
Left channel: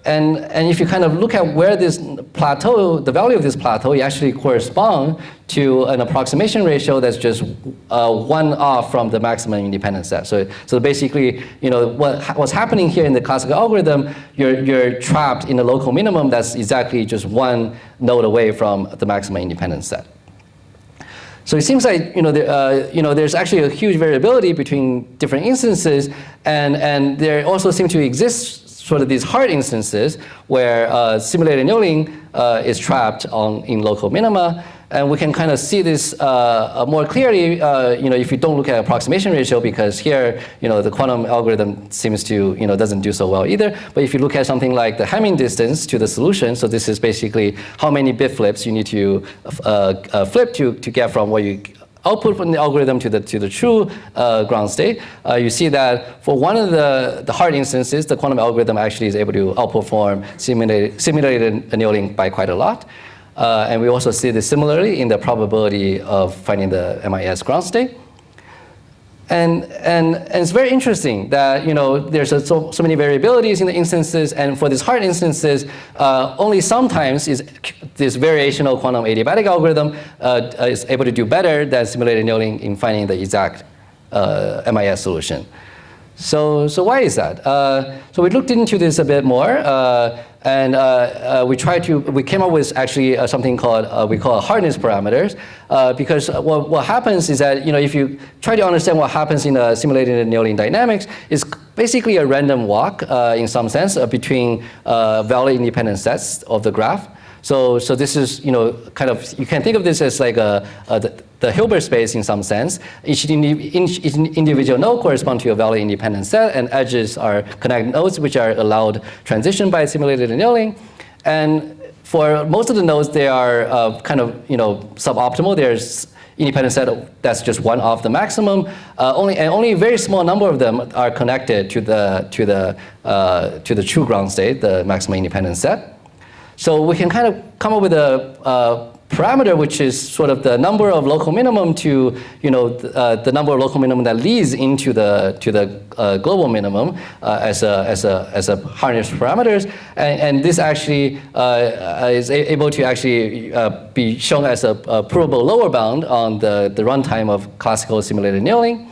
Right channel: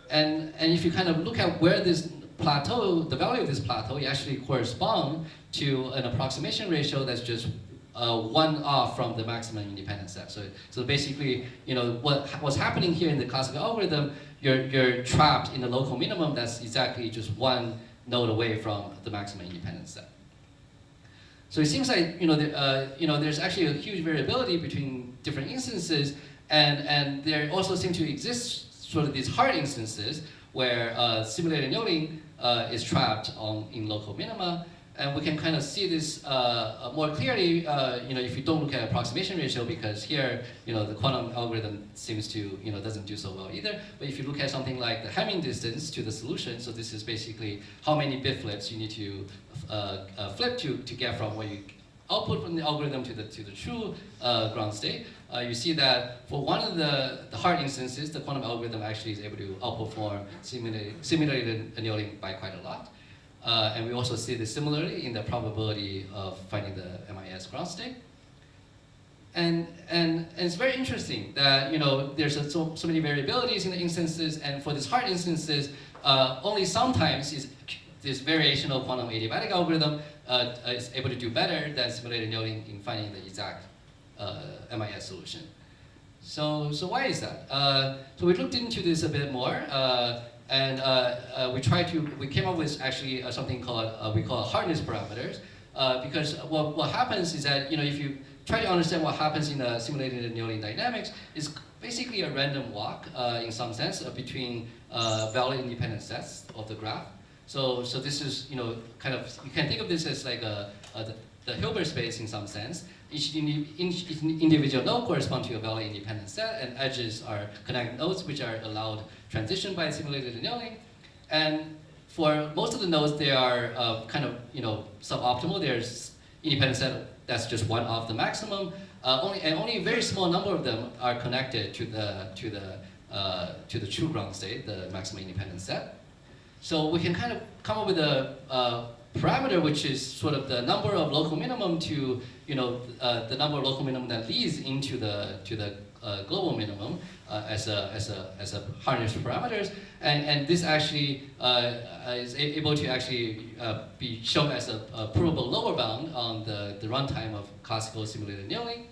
And if you kind of look at where this plateau, the value of this plateau, you actually correspond to an approximation ratio that's just 1 off from the maximum independent set. So basically, what's happening here in the classical algorithm, you're trapped in a local minimum that's exactly just 1 node away from the maximum independent set. So it seems like there's actually a huge variability between different instances, and there also seem to exist sort of these hard instances where simulated annealing is trapped in local minima. And we can kind of see this more clearly if you don't look at approximation ratio, because here the quantum algorithm seems to doesn't do so well either. But if you look at something like the Hamming distance to the solution, so this is basically how many bit flips you need to flip to get from what you output from the algorithm to the true ground state, you see that for one of the hard instances, the quantum algorithm actually is able to outperform simulated annealing by quite a lot. And we also see this similarly in the probability of finding the MIS ground state. And it's very interesting that there's so many variabilities in the instances, and for these hard instances, only sometimes is this variational quantum adiabatic algorithm is able to do better than simulated annealing in finding the exact MIS solution. So why is that? So we looked into this a bit more. And we came up with actually something called, we call hardness parameters, because what happens is that, if you try to understand what happens in simulated annealing dynamics, it's basically a random walk in some sense between valid independent sets of the graph. So this is, kind of, you can think of this as like the Hilbert space in some sense. Each individual node corresponds to a valid independent set, and edges are connect nodes which are allowed transition by simulated annealing. And for most of the nodes, they are kind of suboptimal. There's independent set that's just 1 off the maximum. Only a very small number of them are connected to the true ground state, the maximum independent set. So we can kind of come up with a parameter which is sort of the number of local minimum to the number of local minimum that leads into the global minimum as a hardness parameters, and this actually is able to actually be shown as a provable lower bound on the runtime of classical simulated annealing.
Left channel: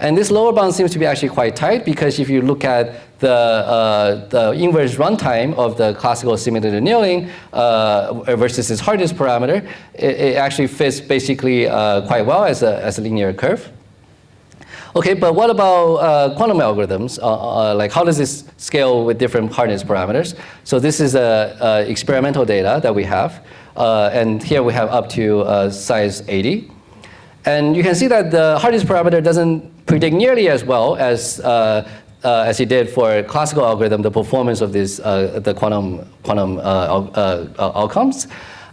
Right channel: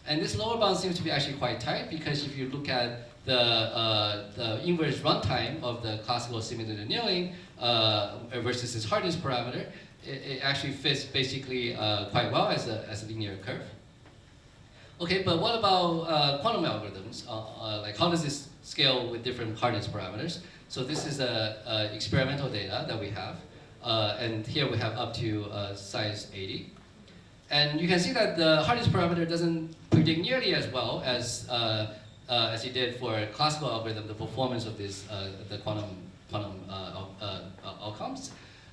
And this lower bound seems to be actually quite tight, because if you look at the inverse runtime of the classical simulated annealing versus its hardness parameter, it actually fits basically quite well as a linear curve. Okay, but what about quantum algorithms? Like, how does this scale with different hardness parameters? So this is experimental data that we have. And here we have up to size 80. And you can see that the hardness parameter doesn't predict nearly as well as it did for classical algorithm, the performance of this, the quantum outcomes.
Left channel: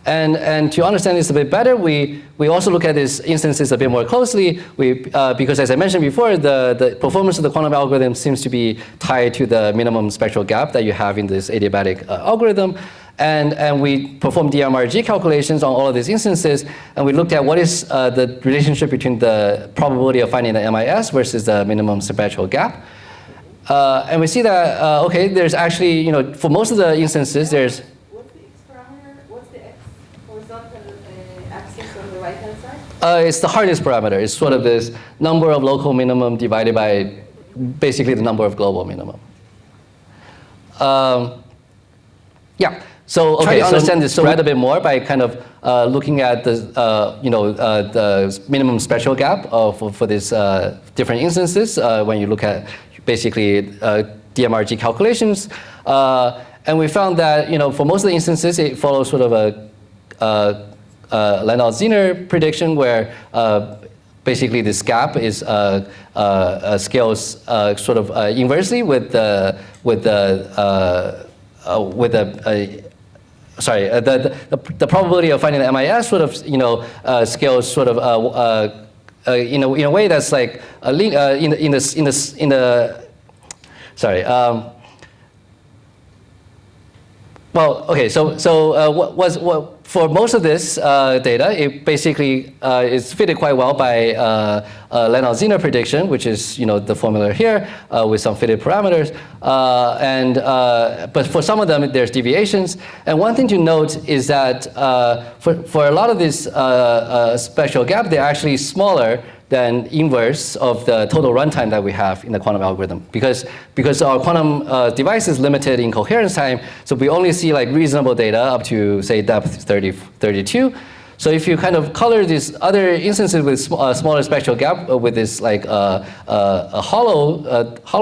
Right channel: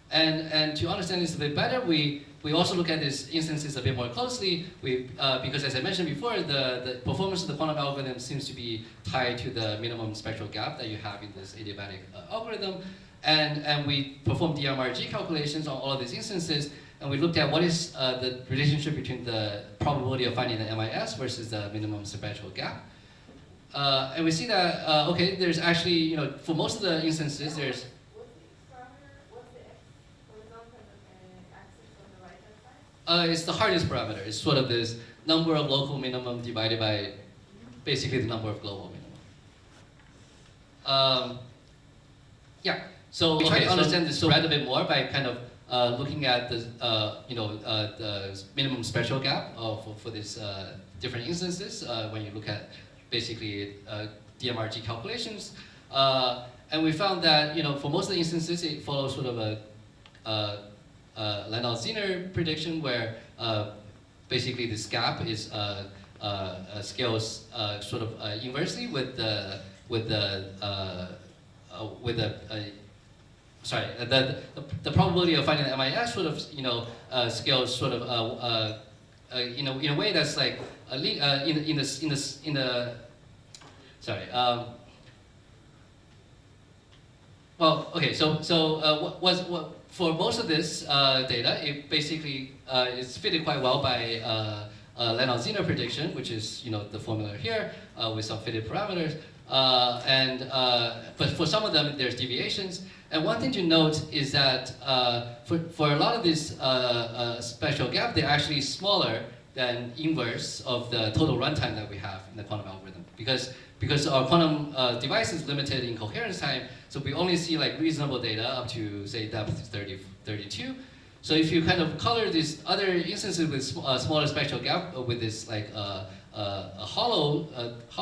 And to understand this a bit better, we also look at these instances a bit more closely. Because as I mentioned before, the performance of the quantum algorithm seems to be tied to the minimum spectral gap that you have in this adiabatic algorithm. And we performed DMRG calculations on all of these instances, and we looked at what is the relationship between the probability of finding the MIS versus the minimum spectral gap. And we see that, okay, there's actually, for most of the instances, there's... What's the X parameter? What's the X horizontal axis on the right-hand side? It's the hardness parameter. It's sort of this number of local minimum divided by basically the number of global minimum. Yeah. So okay, to understand this spread a bit more by kind of looking at the the minimum spectral gap for these different instances when you look at basically DMRG calculations, and we found that for most of the instances it follows sort of a Landau-Zener prediction where basically this gap is scales sort of inversely with the the probability of finding the MIS sort of scales sort of in a way that's like well, okay, so for most of this data, it basically is fitted quite well by Landau-Zener prediction, which is the formula here with some fitted parameters. But for some of them, there's deviations. And one thing to note is that for a lot of this spectral gap, they're actually smaller than inverse of the total runtime that we have in the quantum algorithm. Because our quantum device is limited in coherence time, so we only see like reasonable data up to, say, depth 32. So if you kind of color these other instances with smaller spectral gap with this like hollow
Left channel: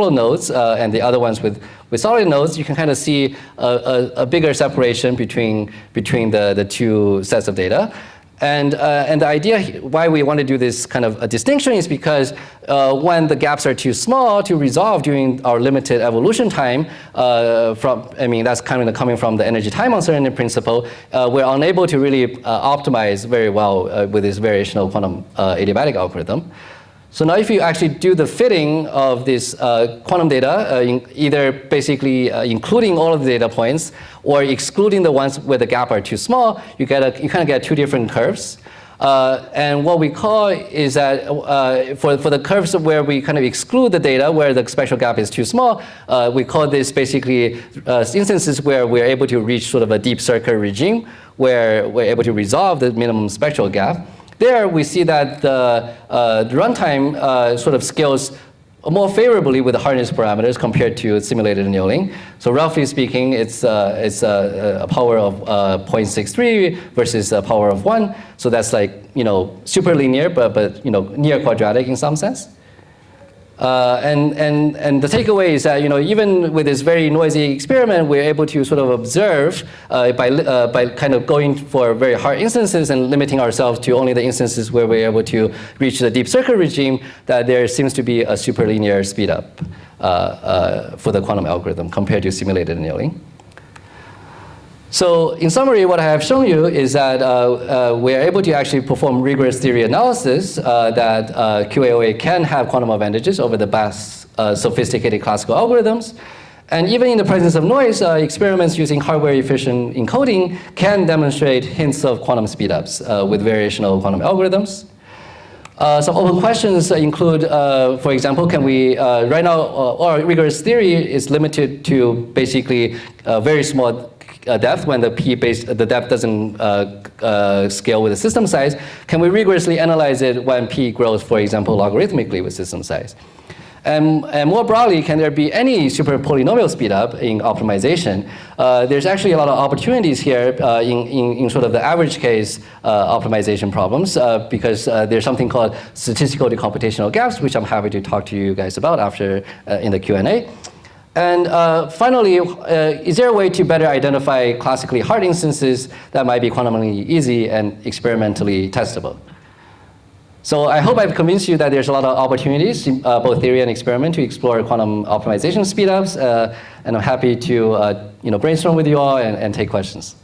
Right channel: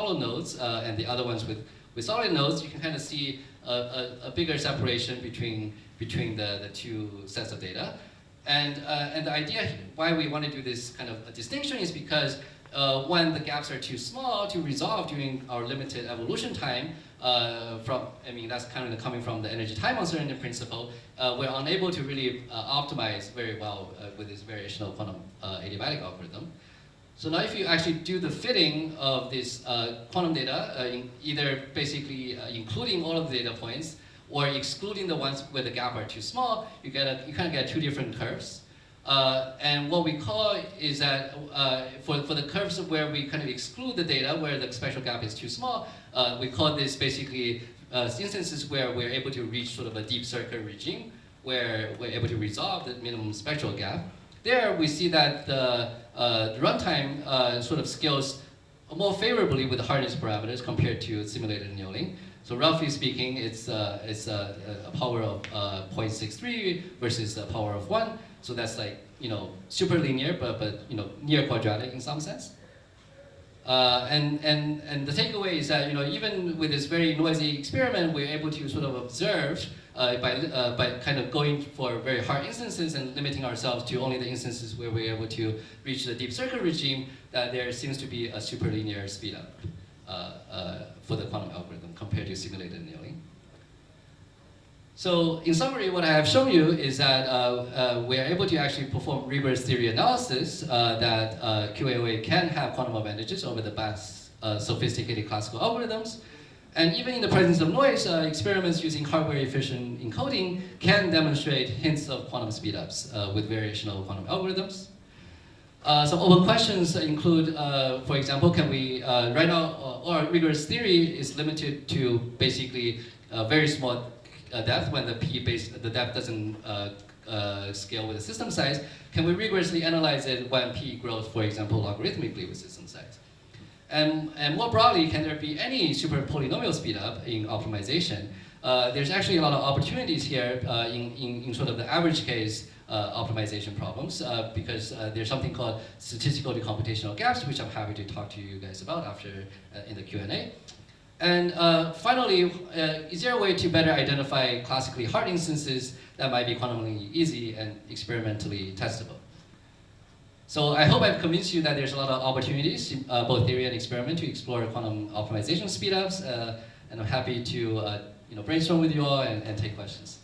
nodes and the other ones with solid nodes, you can kind of see a bigger separation between the two sets of data. And the idea why we want to do this kind of a distinction is because when the gaps are too small to resolve during our limited evolution time, that's kind of coming from the energy time uncertainty principle, we're unable to really optimize very well with this variational quantum adiabatic algorithm. So now if you actually do the fitting of this quantum data, either basically including all of the data points or excluding the ones where the gap are too small, you kind of get two different curves. And what we call is that for the curves where we kind of exclude the data where the spectral gap is too small, we call this basically instances where we're able to reach sort of a deep circle regime where we're able to resolve the minimum spectral gap. There we see that the runtime sort of scales more favorably with the hardness parameters compared to simulated annealing. So roughly speaking, it's a power of 0.63 versus a power of 1. So that's like super linear, but near quadratic in some sense. And the takeaway is that even with this very noisy experiment, we're able to sort of observe by kind of going for very hard instances and limiting ourselves to only the instances where we're able to reach the deep circle regime, that there seems to be a superlinear speedup for the quantum algorithm compared to simulated annealing. So in summary, what I have shown you is that we're able to actually perform rigorous theory analysis that QAOA can have quantum advantages over the best sophisticated classical algorithms. And even in the presence of noise, experiments using hardware-efficient encoding can demonstrate hints of quantum speedups with variational quantum algorithms. Some open questions include, for example, can we, right now, our rigorous theory is limited to basically very small depth when the the depth doesn't scale with the system size. Can we rigorously analyze it when p grows, for example, logarithmically with system size? And more broadly, can there be any super polynomial speedup in optimization? There's actually a lot of opportunities here in sort of the average case optimization problems because there's something called statistical to computational gaps, which I'm happy to talk to you guys about after in the Q&A. And finally, is there a way to better identify classically hard instances that might be quantumly easy and experimentally testable? So I hope I've convinced you that there's a lot of opportunities, both theory and experiment, to explore quantum optimization speedups. And I'm happy to brainstorm with you all and take questions.